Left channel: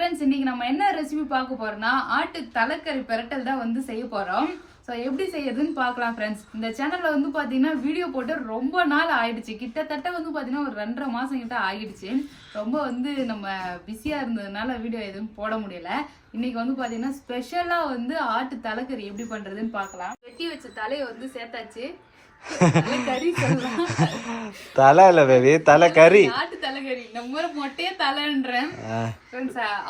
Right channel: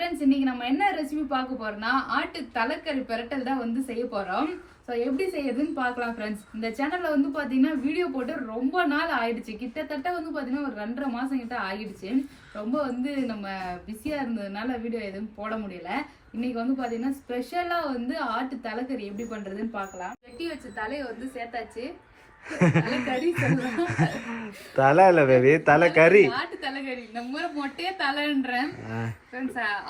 Friends, இன்னைக்கு நம்ம என்ன ரெசிபி பார்க்க போறோம்னா ஆட்டு தலைக்கறி பிரட்டல் தான் வந்து செய்ய போறோம். ஸோ எப்படி செய்யறதுன்னு பார்க்கலாம் ஃப்ரெண்ட்ஸ். இந்த சேனல்ல வந்து பார்த்தீங்கன்னா வீடியோ போட்டு ரொம்ப நாள் ஆயிடுச்சு. கிட்டத்தட்ட வந்து பார்த்தீங்கன்னா ஒரு 2.5 மாசம் கிட்ட ஆயிடுச்சு. ரொம்ப வந்து நம்ம பிஸியாக இருந்ததுனால வீடியோ எதுவும் போட முடியல. இன்னைக்கு வந்து பார்த்தீங்கன்னா ஸ்பெஷலாக வந்து ஆட்டு தலைக்கறி எப்படி பண்ணுறதுன்னு பார்க்கலாம். வெட்டி வச்ச தலையை வந்து சேர்த்தாச்சு. தலை இல்ல பேபி, தலைக்கறி. ஆட்டு தலைக்கறி நம்ம மொட்டையே தலைன்றேன்.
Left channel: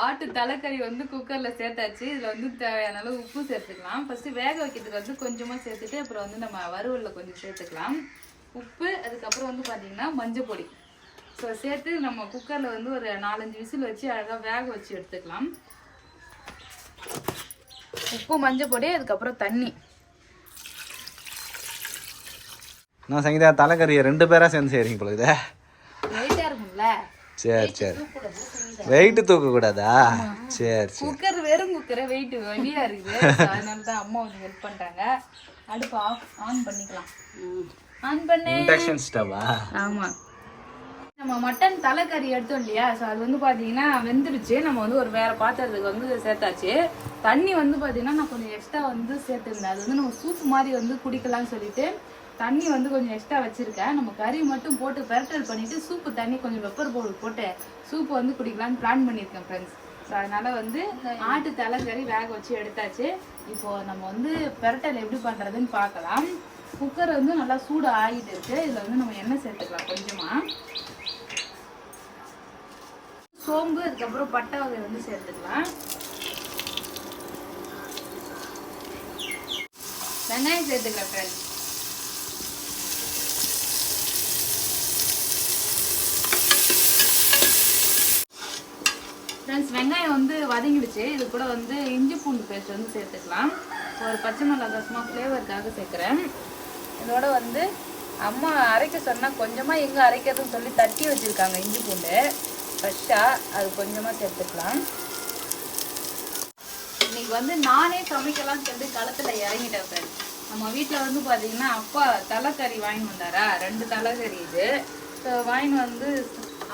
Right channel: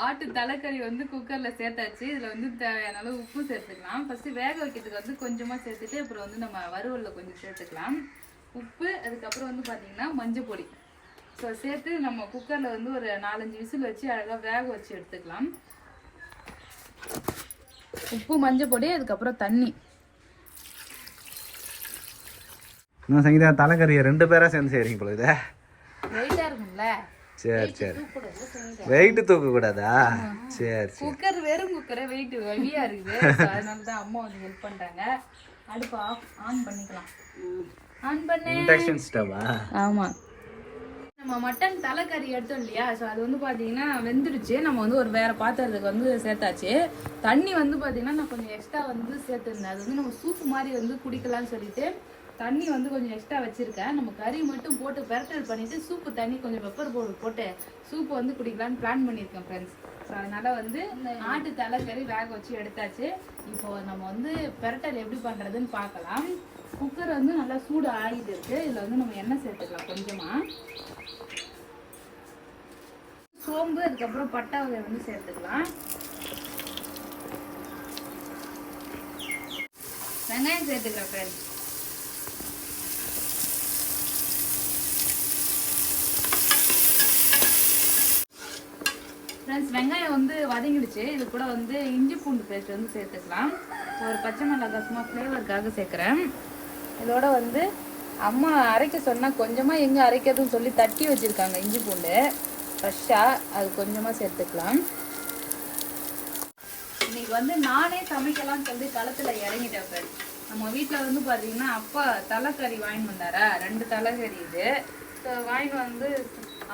ஆட்டு தலைக்கறி வந்து குக்கர்ல சேர்த்தாச்சு. இதுல வந்து தேவையான அளவு உப்பு சேர்த்துக்கலாம். ஃபர்ஸ்ட் வேக வைக்கிறதுக்கு வந்து கொஞ்சமா சேர்த்துட்டு அப்புறம் வந்து நம்ம வறுவல்ல கொஞ்சம் சேர்த்துக்கலாம். உப்பு, அதுக்கப்புறம் வந்து பாத்தீங்கன்னா மஞ்சள் பொடி. ஸோ சேர்த்து நம்ம குக்கர்ல வந்து ஒரு 4-5 விசில் வச்சு அழகா வேக வச்சு எடுத்துக்கலாம். உப்பு, மஞ்சள் பொடி, அதுக்கப்புறம் தண்ணி. நான் சங்கீதா தலைக்கறியை 2 பேரா சேர்ந்து செய்றீங்க போல இதே. லைட்டா இருக்கும்ல. சரி சரி. வெயிட் தூக்க கூடாதா? சரி சரி. குக்கர் வெறும் குக்கரே வெயிட் ஹெவியா இருக்குது. அதனால தான் அம்மா வந்து ஹெல்ப் பண்றாங்க. அடுப்பு ஆன் பண்ணிக்கலாம். ஆன் பண்ணு. இண்டக்ஷன் ஸ்டவ்வா? ஆமா. நம்ம மட்டன் தலைக்கறி எடுத்தோம் இல்லையா, ஸோ அது வந்து பார்த்தீங்கன்னா வெந்துடுச்சு. நம்ம வந்து ஒரு வேற பாத்திரத்துக்கு வந்து சேர்த்தாச்சு. தண்ணி வந்து பார்த்தீங்கன்னா நான் கொஞ்சம் எக்ஸ்ட்ரா வந்து சேர்த்துருந்தேன். அது வந்து நம்ம சூப் மாதிரி வந்து குடிக்கலாம்னு சொல்லிட்டு தண்ணி வந்து கொஞ்சம் எக்ஸ்ட்ரா வச்சிருக்கேன். நம்ம கறி மட்டும் போட்டு பெரட்டல் பண்ணிட்டு சூப்பு தண்ணி கொஞ்சம் பெப்பர் பவுடர் போட்டு சூப் வந்து குடிக்கலான்னு பிளான் பண்ணியிருக்கேன் ஃப்ரெண்ட்ஸ். ஸோ அதனால வந்து ஆட்டு தலைக்கறி வேக வச்சு எடுத்தாச்சு. இப்போ நம்ம வந்து பெரட்டல் எப்படி பண்ணுறதுன்னு பார்க்கலாம். குக்கர் வந்து நல்லா சூடு ஆகிட்டு இருக்கு. இதில் வந்து நம்ம எண்ணெய் சேர்த்துக்கலாம் கொஞ்சமா. சோம்பு, அதுக்கப்புறம் பட்டை வகை வந்து சேர்த்துக்கலாம். வெங்காயம் சேர்த்துக்கலாம் ஃப்ரெண்ட்ஸ். ஃப்ரெண்ட்ஸ், வெங்காயம் வந்து வதங்கிடுச்சு. இது கூட வந்து இஞ்சி பூண்டு பேஸ்ட் வந்து சேர்த்துக்கலாம். ஒரு பச்சை மிளகாய் சும்மா ஃப்ளேவருக்காக சேர்க்குறேன். இதோட வந்து அம்மா அரைக்க சொன்னால் கொஞ்சமாக எங்கே அரைக்கிறதுன்னு சொல்லி தட்டி வச்சுருக்காங்க இஞ்சி பூண்டு ஃப்ரெஷ்ஷாக. அது கொஞ்சமாக சேர்த்துக்கலாம். இன்னைக்கு வந்து நானே சமைக்கலாம்னு சொல்லி களத்தில் இறங்கிட்டேன் ஃப்ரெண்ட்ஸ். நம்ம வீட்டில் வந்து பார்த்தீங்கன்னா அப்பா தலைக்கறி வாங்கிட்டு வந்தாரா, 2 தலைக்கறி இது. ஸோ வாங்கிட்டு வந்து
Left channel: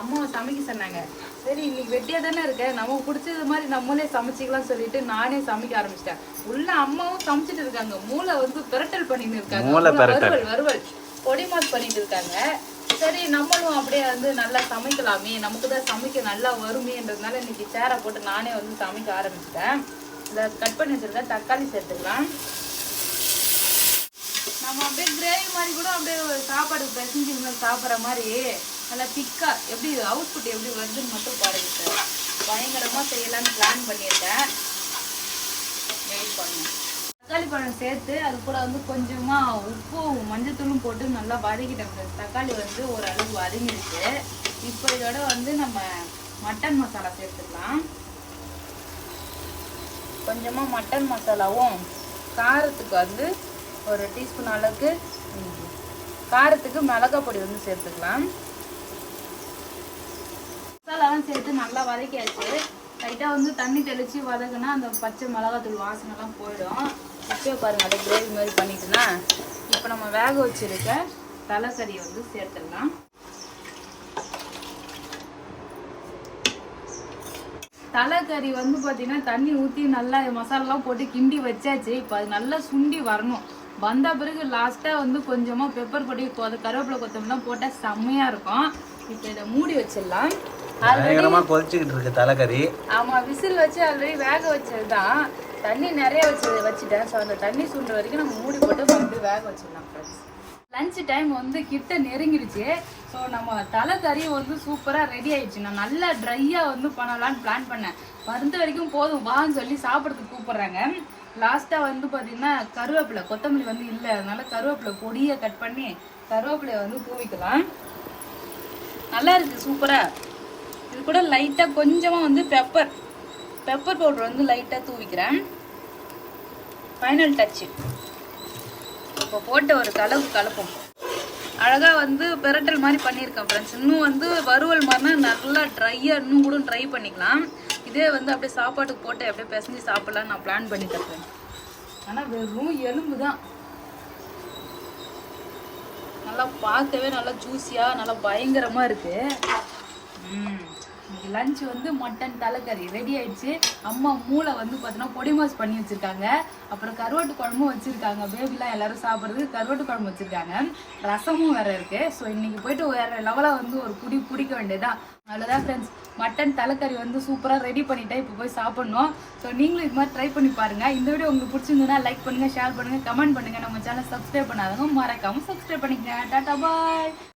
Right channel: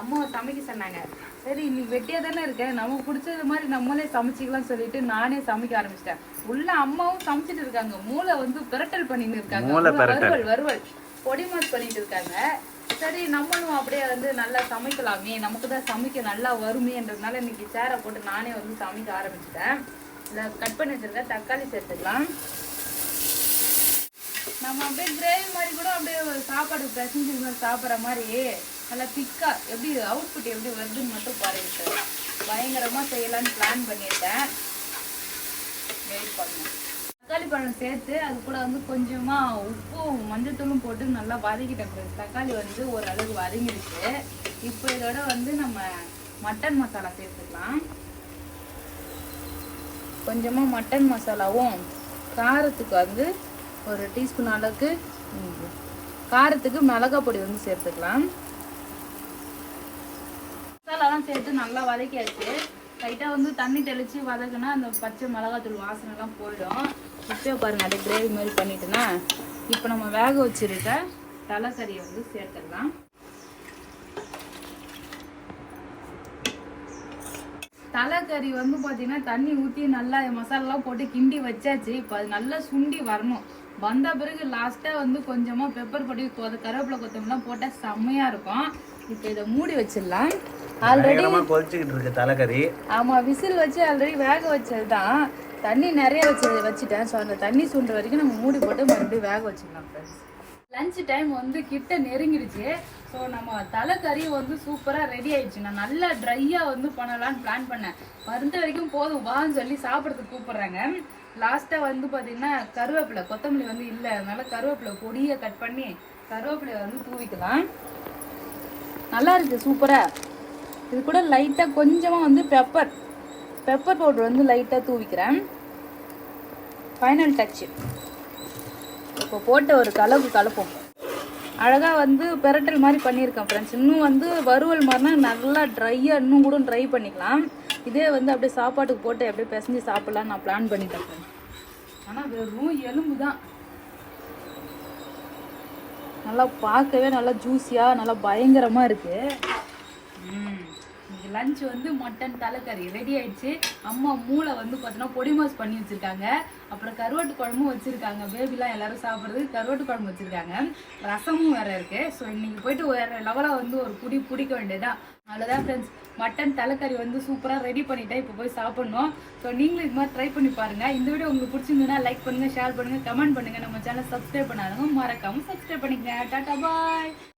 அம்மாவை சமைக்க சொன்னாங்க. சரி, இன்னைக்கு வெட்டியா தானே இருக்கேன், நமக்கு பிடிச்சது மாதிரி நம்மளே சமைச்சிக்கலாம் சொல்லிட்டு நானே சமைக்க ஆரம்பிச்சிட்டேன். உள்ள அம்மாவும் சமைச்சிட்டு இருக்காங்க. மூளை வந்து பிரட்டல் பண்ணிட்டு இருக்காங்க. வறுவல் பொடி மாஸ் பண்ணிட்டு இருக்காங்க. சரி, நம்மளும் அப்படியே வந்து நல்லா சமைக்கலாமே, நமக்கு தான் சமைக்க நல்லா வருமேன்றதுனால இன்னைக்கு சேரை போட்டு நானே வந்து சமைக்க ஆரம்பிச்சிட்டேன். இதை கட் பண்ணி வச்சிருக்கேன். தக்காளி சேர்த்துக்கலாம். நம்ம அப்படியே கிரேவி மாதிரி கூட அப்படியே சாப்பாடு பிசைஞ்சு சாப்பிட்ற மாதிரி நல்லா திக்கா எப்படி அவுட்புட் எப்படி வருதுன்னு மட்டும் பாருங்க சார். பயங்கரமா செய்யலான்னு பிளான் பண்ணியிருக்கேன். வெயிட் பண்ணணும். தக்காளி பழம் சேர்த்து அது கூட வந்து கொஞ்சமா உப்பும் மஞ்சத்தூளும் போட்டு நல்லா வதக்கிட்டேன். தக்காளி வந்து ஓரளவு வதங்கிடுச்சு. இப்போ இதோட வந்து நம்ம மட்டன் மசாலா சேர்த்துக்கலாம். கொஞ்சமா மட்டன் மசாலாவும் காரத்துக்கு வந்து ஒரு டீஸ்பூன் அளவுக்கு காரத்துக்கு மிளகாய் பொடி வந்து சேர்த்துக்கலாம். மசாலாலாம் சேர்த்து நல்லா வதக்கியாச்சு. லைட்டாக வந்து தண்ணி தெளித்து வதக்குனா அந்த பச்சை மிளகாத்தூள் வாசனைலாம் போயிடும். இப்போ பாருங்க, அப்படியே கிரேவி மாதிரி பண்ணிட்டுனா இப்போ நம்ம வேக வச்சிருக்க தலைக்கறியை வந்து சேர்த்துடலாம். தலைக்கறி வந்து பார்த்தீங்கன்னா தண்ணி ஊற்றி நல்லா மசாலாலாம் போட்டு கிண்டி வச்சாச்சு. இப்போ அது நல்லா சுண்டி வரணும். வந்த பிறகு லாஸ்ட்டாக வந்து கொஞ்சமாக பெப்பர் பொடி, கருவேப்பிலை, கொத்தமல்லாம் போட்டால் செம்மையாக இருக்கும். இப்போ இதை மூடி வச்சிடலாம். கொதிச்சுக்கிட்டு இருக்கு தலைக்கறி. ஆமாம், விசில் வச்சு ஆல்ரெடி வேக வச்சது தான். தண்ணி நிறைய வச்சுட்டேன். ஸோ அந்த தண்ணி சுண்டுற வரைக்கும் நம்ம மூடி போட்டு மறுபடியும் வேக வச்சிடலாம் ஃப்ரெண்ட்ஸ். லஞ்ச் டைம் வந்து கிட்ட நெருங்கிடுச்சு. ஸோ நம்ம தலைக்கறி வந்து சூப்பராக ரெடி ஆயிடுச்சு. நான் நல்லா ட்ரையாக வந்து பண்ணலான்னு பிளான் பண்ணேன். மருந்த வரைக்கும் போதும் வான்னு சொல்லி சாப்பிட்றதுக்கு கூப்பிட்றாங்க. லாஸ்ட்டாக வந்து பார்த்தீங்கன்னா கருவேப்பிலை, கொத்தமல்லி வந்து இல்லை, அதனால கருவேப்பிலை பொடியை கட் பண்ணி கருவேப்பிலையை வந்து தூவிக்கலாம். நல்லா இருக்குது சூப்பராக. இது கூட லைட்டாக கொஞ்சமாக வந்து பெப்பர் பவுடர் வந்து லைட்டாக தூவிக்கிறேன். Final Dutch. இப்போ போட்டு ஒரு கலப்போம். அழகாக வந்து பெரட்டல் மாதிரி பண்ணியிருக்கேன் ஃப்ரெண்ட்ஸ். இன்னும் வந்து வறுவல் மாதிரினா நல்லா ட்ரையாக இன்னும் கூட ட்ரை பண்ணிக்கலாம். இதே வந்து அப்படியே சாப்பாட்டுக்கு போட்டு அப்படியே பிசைஞ்சு சாப்பிட்லான்னு நான் பிளான் பண்ணிட்டேன் ஃப்ரெண்ட்ஸ். ஆனால் வெறும் எலும்பு தான். நல்லா பார்க்கவே நல்லா ஜூஸியாக நல்லா பயங்கரமாக இருக்குது. லஞ்ச் வந்து மட்டன் தலைக்கறி ரெடி ஆயிடுச்சு. அம்மா மூளை வந்து பார்த்தோன்னா பொடி மாஸ் பண்ணி வச்சிருக்காங்க. அப்புறம் கருவாட்டு குழம்பும் வச்சிருக்காங்க. பேபிலாம் எல்லாரும் சாப்பிட்றதுக்கு கருவாட்டு குழம்பு வச்சிருக்காங்க. ரசமும் வேற இருக்கு. ஸோ இன்னைக்கு போயிட்டு வேற லெவலாக வந்து ஒரு குடி பிடிக்க வேண்டியதான். அவ்வளோதான் ஃப்ரெண்ட்ஸ், மட்டன் தலைக்கறி வந்து சூப்பராக ரெடி பண்ணிட்டேன். இப்போ போய் சாப்பிட்ணும். ஸோ நீங்களும் இது மாதிரி ட்ரை பண்ணி பாருங்கள். இந்த வீடியோ உங்களுக்கு பிடிச்சிருந்ததுன்னா லைக் பண்ணுங்கள், ஷேர் பண்ணுங்கள், கமெண்ட் பண்ணுங்கள். நம்ம சேனல் சப்ஸ்கிரைப் பண்ணாதவங்க மறக்காமல் சப்ஸ்கிரைப் பண்ணிக்கங்க. டாட்டா பாய்.